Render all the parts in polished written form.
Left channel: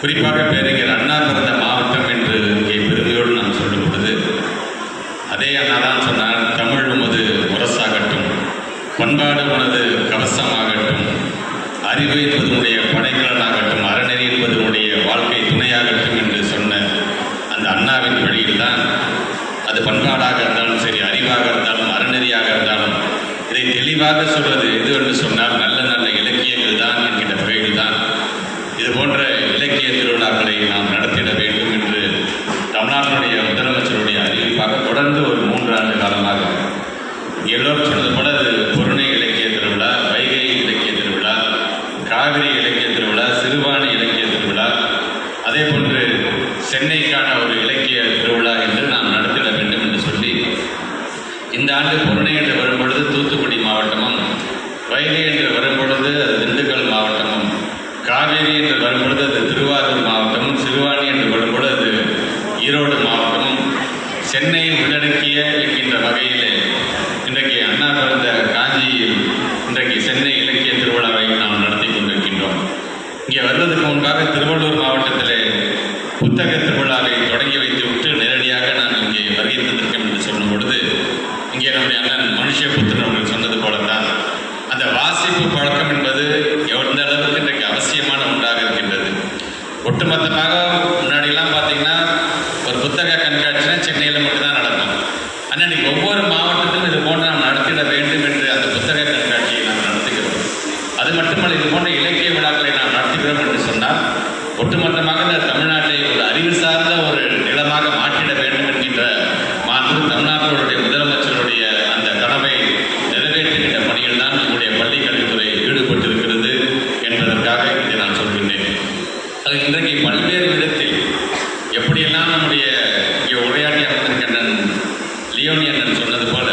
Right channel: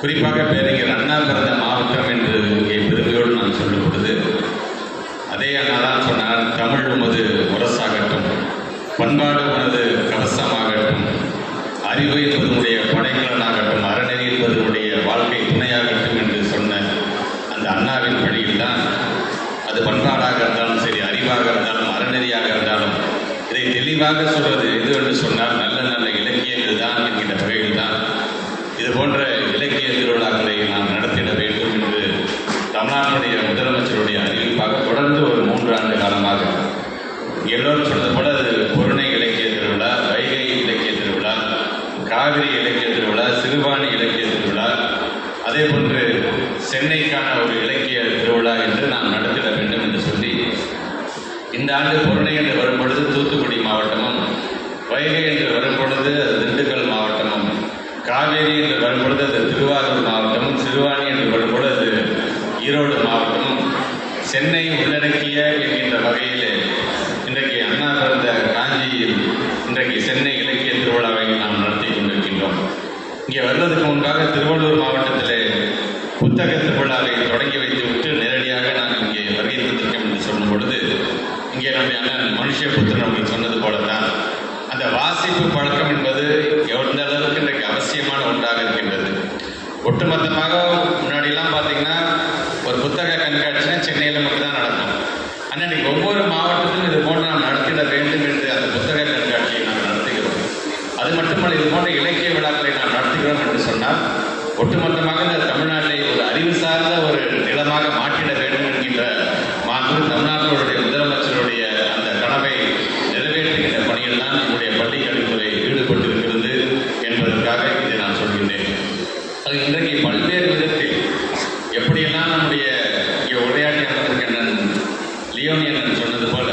குறிப்பாக பேரறிஞர் அண்ணா பிறந்த மாவட்டம் என்று இங்கே பெருமையோடு நான் சொல்லும் பொழுது அதே அண்ணா தான் சொன்னார், தமிழ் உமது முரசாகட்டும், பண்பாடு உனது கவசமாகட்டும், அறிவு என்பதனுடைய படைக்கலனாகட்டும், அறநெறி என்பதனுடைய வாழ்க்கை துணையாகட்டும் என்று சொன்ன அந்த அண்ணாவின் வழியில்தான் அது பண்பாடாக இருந்தாலும் சரி, அறிவாக இருந்தாலும் அறநெறியாக இருந்தாலும் இதை தெளிவாக சொல்வது எது என்று சொன்னால் நல்ல நல்ல இலக்கியங்கள் தான் என்கின்ற வகையில் தான் இது போன்ற இலக்கிய திருவிழாக்களை நாம் நடத்திட வேண்டும் என்று தமிழ்நாட்டுடைய முதலமைச்சருடைய அறிவிப்பாக தொடர்ந்து ஒரு 3 ஆண்டு காலமாக எல்லோரும் சொன்னது போல அது பொருணை இலக்கிய திருவிழா, வைகை இலக்கிய திருவிழா, காவிரி இலக்கிய திருவிழா, சிறுவாணி இலக்கிய திருவிழா, அதே போன்று சென்னைக்கான ஒரு இலக்கிய திருவிழா என்று நாம் நடத்திட வேண்டும் என்று சொல்லி இந்த ஆண்டு பொருணை என்று வரும்பொழுது தூத்துக்குடி மாவட்டமும், வைகை என்று வரும்பொழுது அது திண்டுக்கல் மாவட்டமும், காவேரி என்று வரும்பொழுது அது திருவாரூர் மாவட்டமும், சிறுவாணி என்று வரும்பொழுது அது ஈரோடு மாவட்டமும், சென்னை உள்ளடக்கிய என்கின்ற வகையில் இன்றைக்கு அண்ணா பிறந்த காஞ்சியில் இன்றைக்கு சென்னை இலக்கிய திருவிழாவை நாம் நடத்தி கொண்டிருக்கின்றோம். இங்கே வருவதற்கு முன்பாக திருவள்ளூர் மாவட்டத்திலே புத்தக திருவிழாவை தொடங்கி வைத்துவிட்டு நேரடியாக நாங்கள் இங்கே வருகை தந்திருக்கோம் என்று சொல்லும் பொழுது இங்கே நம்முடைய அண்ணன் மனுஷபுத்திரன் அவர்கள் சொன்னது போலத்தான் அந்த வாசிப்பு பழக்கம் என்பது எந்த அளவுக்கு இன்றைக்கு அவசியமான ஒன்றாக இருக்கின்றது. ஒட்டுமொத்தமாக முன்னாடிலாம் பார்த்தீங்கன்னா ஒரு புத்தக கண்காட்சினா சென்னையில் மட்டும்தான் நடக்கும். ஆனால் இன்றைக்கி ஒவ்வொரு மாவட்டத்திலும் இது போன்று நாம் நடத்திட வேண்டும் என்று அந்த புத்தக கண்காட்சியை நாம் நடத்துகிறோம். அது மட்டுமல்ல, இது போன்ற இலக்கிய விழாக்களை நாம் நடத்துகிறோம் என்று சொன்னால் ஒட்டுமொத்தமாக இந்த தமிழ்நாட்டை ஒரு அறிவு சார்ந்த ஒரு நிலமாக மாற்றிட வேண்டும் என்கின்ற மாண்பு தமிழ்நாட்டினுடைய முதலமைச்சருடைய அந்த கனவை நிறைவேற்றுகின்ற பணியில் தான் நம்முடைய பள்ளி கல்வித்துறை ஈடுபட்டிருக்கிறது என்பதற்காக இதை நான் சொல்கின்றேன். அது இன்றைக்கு பல்வேறு விதத்தில் எப்படியெல்லாம் நம்முடைய இங்கே உரையாடி அமர்ந்திருக்கின்ற லியோனி அண்ணன் சொன்னது போல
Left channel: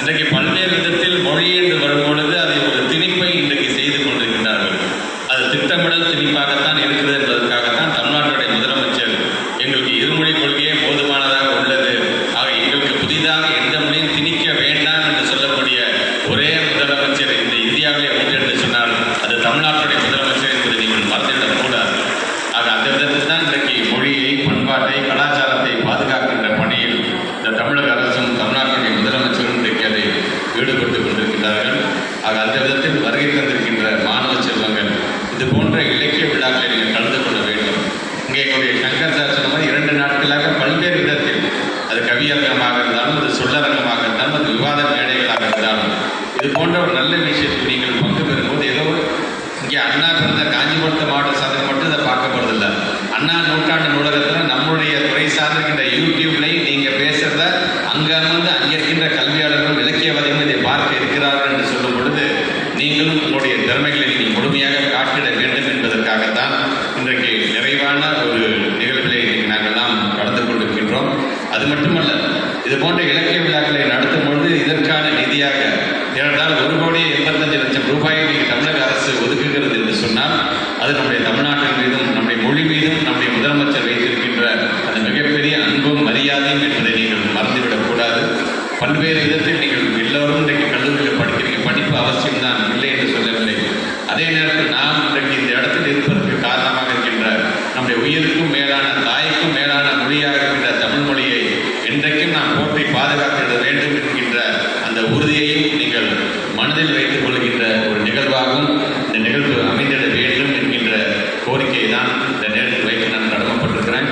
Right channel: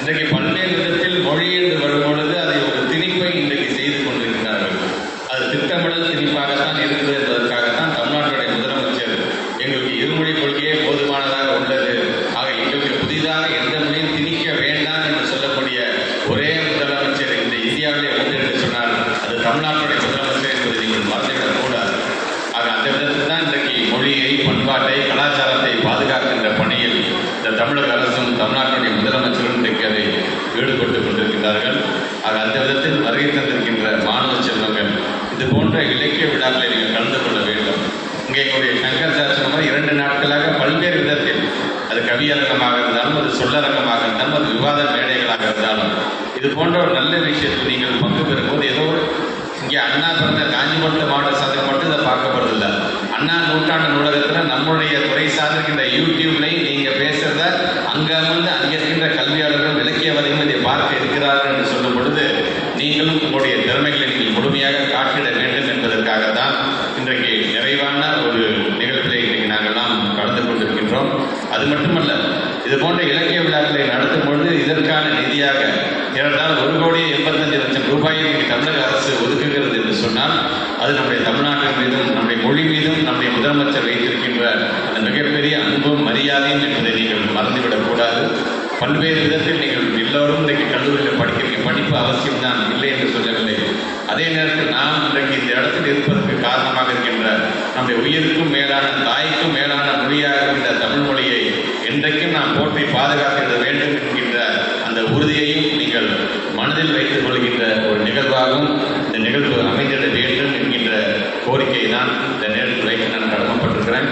இன்றைக்கு பல்வேறு விதத்தில் மொழி என்று வரும்பொழுது அதை ஒரு திணிப்பை இன்றைக்கு செய்து கொண்டிருக்கின்றார்கள். அது திட்டமிடல் திணிப்பாகத்தான் இருக்குது என்பதற்காகத்தான் தமிழ்நாட்டுடைய முதலமைச்சர் எங்களுக்கு இருமொழி கொள்கையே போதுமானதாக உள்ளது, ஆக எங்களுக்கு புதிதாக எந்த மொழியும் திணிக்க வேண்டாம் என்று சொல்லக்கூடிய ஒரே முதலமைச்சர் இந்த இந்தியாவிலே உண்டு என்று சொன்னால் அது தமிழ்நாட்டுடைய முதலமைச்சர் என்பதை நீங்கள் மறந்துவிடக்கூடாது. ஆக அந்த விதத்தில் தான் இன்றைக்கு மொழியை, பண்பாட்டை, கலாச்சாரத்தை பாதுகாக்கின்ற பணியில் இந்த தமிழக அரசும் தமிழ்நாட்டுடைய முதலமைச்சரும் இன்றைக்கு அதை ஈடுபட்டுக் கொண்டிருக்கிறார்கள். ஆக அந்த விதத்தில் வருகை தந்திருக்கின்ற மாணவ செல்வங்கள் இது போன்ற இலக்கிய விழாக்களை நீங்கள் கலந்து கொள்ள வேண்டும். இங்கே எங்களுடைய சங்கர் சார் சொன்ன மாதிரி 2 நாட்களாக பல்வேறு விதத்தில் அது கவியரங்கமாக இருந்தாலும், அது சொல்லரங்கமாக இருந்தாலும், அது விவாத மேடைகளாக இருந்தாலும் இது போன்ற ஒரு நல்ல விஷயத்தில் நீங்கள் பங்கு பெறும்போது ஏதோ இங்கே அண்ணா பிறந்த காஞ்சிபுரம் மாவட்ட சாதனை மட்டும் இதை பார்க்கப்படுறதில்லை. அண்ணா நூற்றாண்டு நூலகத்தில் நம்முடைய துறை சார்ந்திருக்கின்ற யூடியூப்லையும் நீங்கள் பேசுகிறத அங்கே அமர்ந்து அங்கே இருக்கின்ற கல்வியாளர்களும் இலக்கியவாதிகளும் இதை பார்க்க இருக்கிறார்கள் என்று சொல்லும் பொழுது நீங்களும் உங்களுடைய திறமைகளை நீங்கள் முழுமையாக காட்டிட வேண்டும் என்பதற்காகத்தான் இன்றைக்கு நிறைவான ஒரு நிகழ்விலே இன்றைக்கு நாங்கள்லாம் கலந்து கொண்டிருக்கின்றோம். அது மட்டுமல்ல, இது போன்ற இலக்கிய விழாக்களை நடத்தும் பொழுது இதற்கான நிதியாக ஏனென்றால் 1,85,00,000 ரூபாயை இன்றைக்கு தமிழக அரசு ஒதுக்குகிறது என்று சொன்னால் அது நம்முடைய தமிழ்நாட்டின் மீதும் நம்முடைய மொழி மீதும் நம்முடைய முதலமைச்சர் வைத்திருக்கின்ற அந்த மிகப்பெரிய அன்பும் மரியாதையும் என்பதை நீங்கள் மறந்துவிடக்கூடாது. பல்வேறு விதத்தில் நீங்கள் எல்லோரும் இன்றைக்கு கல்லூரியில் படிக்கிறீங்க, படிப்பு அவசியம்தான், இல்லை என்று சொல்லவில்லை. அதே நேரத்தில் நாம் இன்றைக்கு இந்த இடத்தில் இருப்பதற்கு காரணமாக இருக்கின்ற நம்முடைய உயிருக்கும் மேலான, தாய்க்கும் மேலான மொழியாக இருக்கின்ற தமிழ் மொழியை என்றைக்கும் நாம் போற்றி பாதுகாக்க வேண்டும் என்கின்ற அந்த உறுதியையும் நீங்கள் மனதில் வைத்துக் கொள்கின்ற ஒரு நிகழ்வாகவும் இந்த நிகழ்வு அமைந்திட வேண்டும் என்கின்ற கோரிக்கை தான் இந்த நேரத்தில் வைக்க நான் கடமைப்பட்டிருக்கிறேன்.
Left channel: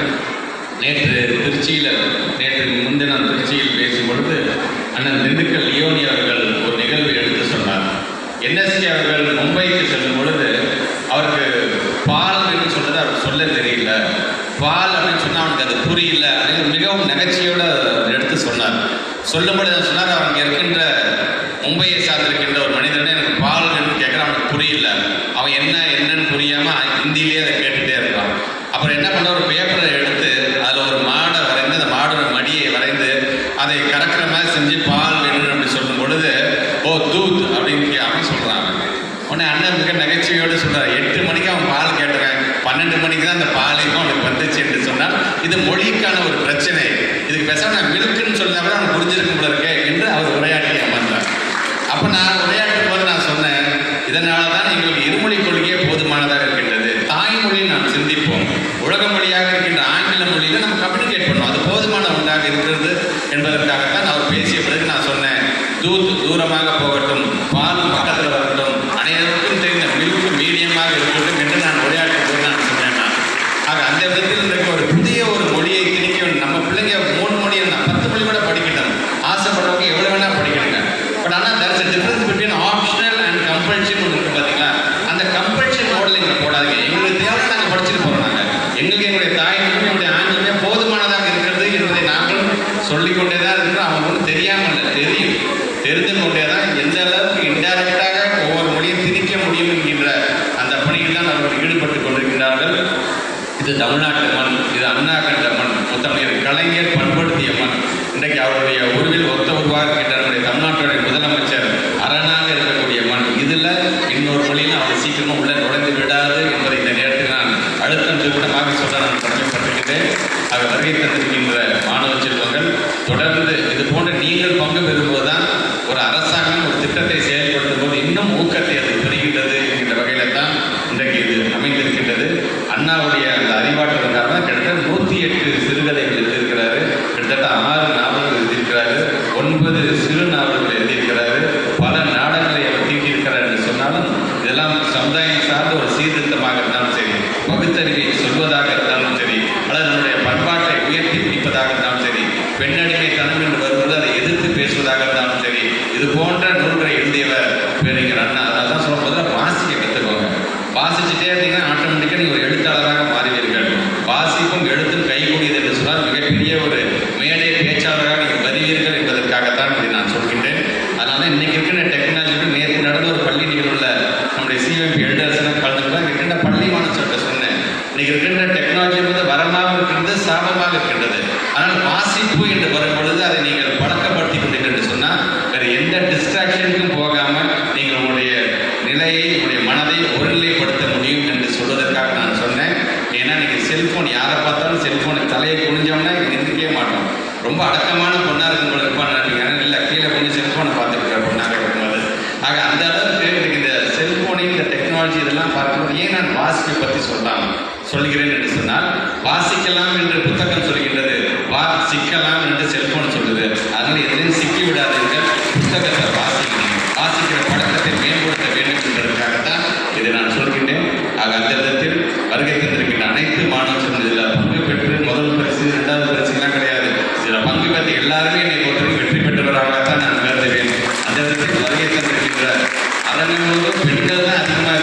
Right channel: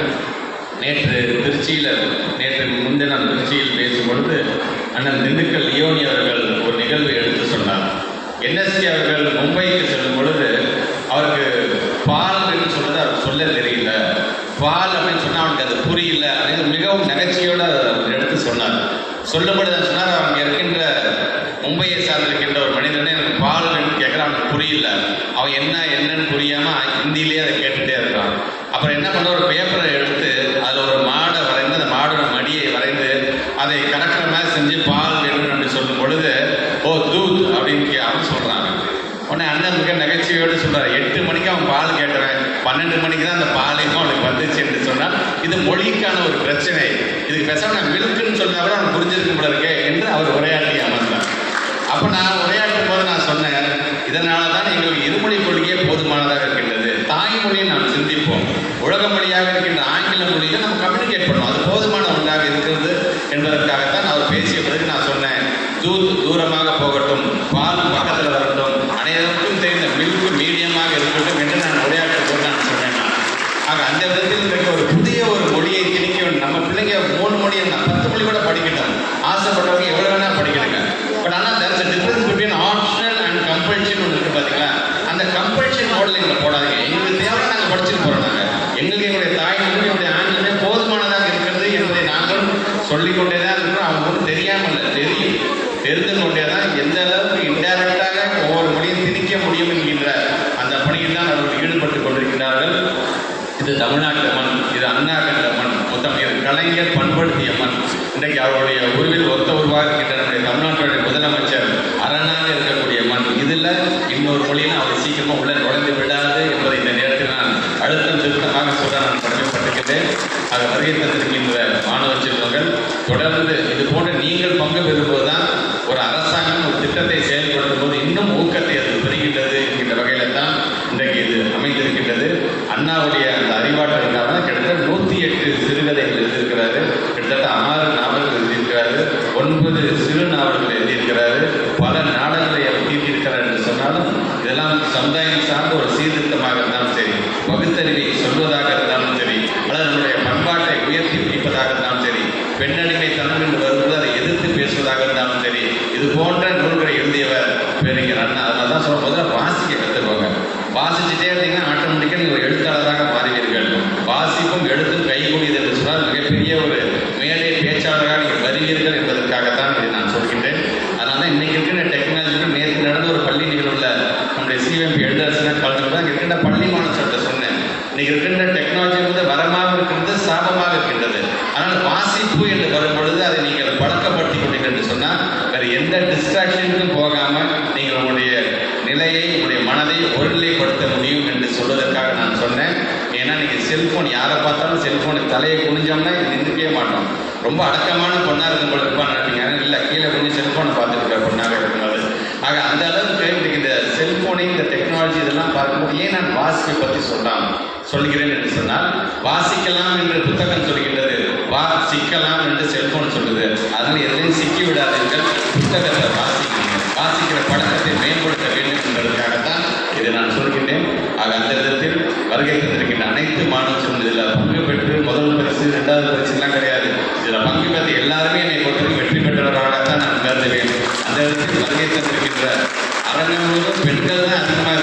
நேற்று முன்தினம் திருச்சியில் பேசும் பொழுது அண்ணன் திண்டுக்கல் லியோனி அவர்கள் ஒரு நிகழ்வை எடுத்து சொன்னார். NSC அவர்கள் மும்பைக்கு செல்லும் பொழுது அவருக்கு பால் என்று சொன்னது அவருக்கு சொல்ல தெரியல, பால் அப்படின்னு சொன்னால் அவனுக்கு அது புரியல அப்படின்னு மிகவும் நகைச்சியோடு எடுத்து சொன்னார். சொல்லும்பொழுது சொன்னார், அவங்க இருக்கின்ற மும்பையை சார்ந்திருக்கின்ற ஒரு மனிதனே எனக்கு பால் என்று கேட்குறான், அவனுக்கு புரியல, அவன் என்னன்னு புரியாமல் ஹிந்தியிலே அதை கேட்டுகிட்டே இருக்கான். அப்புறம் என்ன பண்ண, ஒரு பேப்பரை எடுத்து அதில் ஒரு மாடை வரைந்து அந்த மாடோட மடியை வரைந்து அதை கறக்கிற மாதிரி செஞ்சு பால் வேணும் அப்படி சொல்லும் பொழுது ஓ தூத் அப்படின்னு சொல்கிறாங்க. உடனே அண்ணன் மிக நகைச்சுவையோடு சொல்கிறார், 8 மணிக்கு அவன் பால் கேட்டவன் 12 மணிக்கு தான் அந்த பாலையும் அவனுக்கு வந்துச்சு என்று சொன்னால் இது மொழிக்கான ஒரு பிரச்சனை, இதுக்கு பேசாமல் நான் மில்க்குன்னு சொன்னால் கூட அவன் புரிஞ்சிருக்கும் போல இருக்கே என்று அவர் உரையாடி அமர்ந்தார். அப்போ நான் உரையாற்றும் போது நான் சொன்னேன், இதனால தான் எங்களுக்கு இருமொழி கொள்கையே போதுமானதாக இருக்கின்றது, தாய்மொழியை நாம் சிந்திப்போம். மொழியில் நம்ம கம்யூனிகேட் பண்ணோம். அது போதுமான ஒன்றாக இருக்கிறது என்பதற்காகத்தான் அவர் பேசிய பிறகு நான் சொன்னேன், தூரமாக போகட்டும், பால் பக்கத்தில் வரட்டும், அனைவருக்கும் தெரிந்த மில்க் மீடியமாக இருக்கட்டும் என்று நான் உரையாற்ற போது நான் சொன்னேன். ஆக அந்த விதத்தில் இன்றைக்கு ஒரு புதிய ஒரு மொழியை திணிக்க வேண்டும். நம்ம பிள்ளைங்க 3 மொழி 10 மொழி கூட படிக்கணும், ஆசைப்படுறவங்க எவ்வளோ வேணால் படிக்கணுங்க. பட் ஆனால் there is a difference between optional and compulsion ஒன்று இருக்குது பார்த்தீங்களா. அந்த கம்பல்ஷன் மோடில் எங்களை போடாதீங்க. எங்களுக்கு தேவை நாங்கள் படிச்சுட்டு போகிறோம். எங்களுக்கு எங்களுடைய தாய்மொழி என்னுடைய ஆங்கிலமே போதுமானதாக இருக்கிறது என்பதை நாங்களும் சொல்லிக்கொண்டே தான் இருக்கிறோம். அவங்க ஒன்றும் தெரியாமல் இல்லை, தெரிந்து கொண்டே தான் எந்த அளவுக்கு இன்டைரக்டாக ஒவ்வொரு மொழியும் திணிக்க முடியும் என்கின்ற அந்த பணியில் தான் அவர்கள் ஈடுபட்டு கொண்டிருக்கிறார்கள். இது தமிழ்நாட்டு மண், இது அண்ணா கண்ட மண், முத்தமிழர் கலைஞர் பண்படுத்திய மண். இன்றைக்கு அவருடைய உருவில் ஒத்த உருவாக இருக்கின்ற நம்முடைய தமிழ்நாட்டுடைய முதலமைச்சர் அரணாக இருக்கக்கூடிய மண். இதில் இன்னொரு மொழின்னு அவர் சீக்கிரமாக உள்ள நுழைந்து விடாது என்பதை இந்த நேரத்தில் நான் அழுத்தம் திருத்தமாக சொல்ல நான் கடமைப்பட்டிருக்கிறேன். ஆக வருகை தந்திருக்கின்ற மாணவ செல்வங்கள் தொடர்ந்து இது போன்ற நீங்கள் பங்கு பெறும்போதுதான் ஒரு அரசாங்கம் ஒரு திட்டத்தை செயல்படுத்தும் போது இன்னும் ஊக்கத்தை அது பெறுகின்றது என்கின்ற வகையில் தான் இன்றைக்கு இது அமைந்திருக்கின்றது. அண்ணாவுடைய அந்த அறிவாற்றலுக்காக கிட்டத்தட்ட 108 சிறுகதைகள் எழுதியிருக்கிறாரு, கிட்டத்தட்ட 6 நாவல்கள் எழுதியிருக்கிறாரு, 9 சிறு நாவல்கள் எழுதியிருக்கிறாரு, பல நாடகங்களை அவர் தீட்டியிருக்கிறார் என்று சொன்னாலும் இதெல்லாம் சமுதாயம் சார்ந்த ஒரு சீர்திருத்தமாக இருந்தாலும் சரி, பகுத்தறிவை சொல்வதாக இருந்தாலும் சரி, அல்லது நம்முடைய பண்பாட்டை உயர்த்தி பிடிப்பதாக இருந்தாலும் சரி, பெண்ணடிமை தனம் என்று வருவது அதை எதிர்த்து பேசுவதாக இருந்தாலும் சரி, இது போன்ற நூல்களை எழுதியவர் பேரறிஞர் அண்ணா. அதனால தான் சொல்லும் போது வாசிக்க கற்றுக்கோங்க. வாசிச்சுட்டே இருந்தீங்கன்னா ஆட்டோமேட்டிக்காக நீங்கள் ஒரு எழுத்தாளராக மாறுவீர்கள். வாசிப்பும் எழுத்தும் கைகூடியது என்று சொன்னால் மிகப்பெரிய ஒரு மேடை பேச்சாளராக நீங்கள் வருவீர்கள் என்பதற்காகத்தான் இதை நான் சொல்கின்றேன். அதனால இன்னைக்கு இருக்கிற டெக்னாலஜிக்கு நேற்று நடந்த ஒரு பள்ளி நிகழ்வுள்ள நம்முடைய சிஎம்பி எழுதரசனாக கலந்துதான் இருக்கின்ற பள்ளி மாணவர்கிட்ட சொன்னேன், இன்னைக்கு இருக்கின்ற டெக்னாலஜி வந்து வரமாக இருக்கின்றது, சாபமாக இருக்கின்றது. ஆனால் வாசிப்பு என்று வரும்பொழுது அதை நீங்கள் பழக்கப்படுத்திக் கொண்டீர்கள் என்று சொன்னால் வேறு எந்த டிஸ்ட்ராக்ஷனுக்கும் போகாமல் நீங்கள் உங்களுடைய நிலையை, உங்களுடைய மனதை ஒருநிலைப்படுத்த முடியும் என்று சொல்வதற்காக நான் சொன்னேன். ஏன்னா நீங்கள் செல்ஃபோன் யாரை பார்த்தாலும் செல்ஃபோனுக்கு தலையை குனிஞ்சோம்னா எந்திரிக்கவே மாட்டோம். ரொம்ப அடக்கமான பொண்ணாக இருக்கும் போல இருப்பான்னு நினைப்பீங்க, இல்லை கீழே கொஞ்சம் செல்ஃபோனை பார்த்துருக்கிற பொண்ணாக இருக்கும்போது. ஆக அந்த அளவுக்கு இன்றைக்கு இந்த செல்ஃபோனை, இந்த டெக்னாலஜி இதெல்லாம் பார்க்கும்போது ஏன் நான் வாசிப்பை பற்றி சொல்கிறேன் என்று சொன்னால், வாசிக்கலாம் என்று புத்தகம் சொல்கின்றது, வாசிக்கலாம் என்று செல்போன் சொல்லுது. அதனால் எதையும் சிக்கி விடாதீர்கள், புத்தகத்தை வாசிக்கிற பழக்கத்தை மேம்படுத்த வேண்டும் என்பதற்காகத்தான் இதை நான் சொல்கின்றேன். ஆக அந்த விதத்தில் வருகை தந்திருக்கின்ற அனைத்து மாணவர்களும் இதில் பங்கு பெற்று முதல் பரிசு 2வது பரிசுலாம் கிடையாது, இதில் பங்கு பெற்ற எல்லாருமே என்னை பொறுத்தவரைக்கும் வெற்றி பெற்றவராகத்தான் நான் கருதுகிறேன். அந்த விதத்தில் வருகை தந்திருக்கின்ற அரங்கங்களும் பெண்கள் தான் அதிகமாக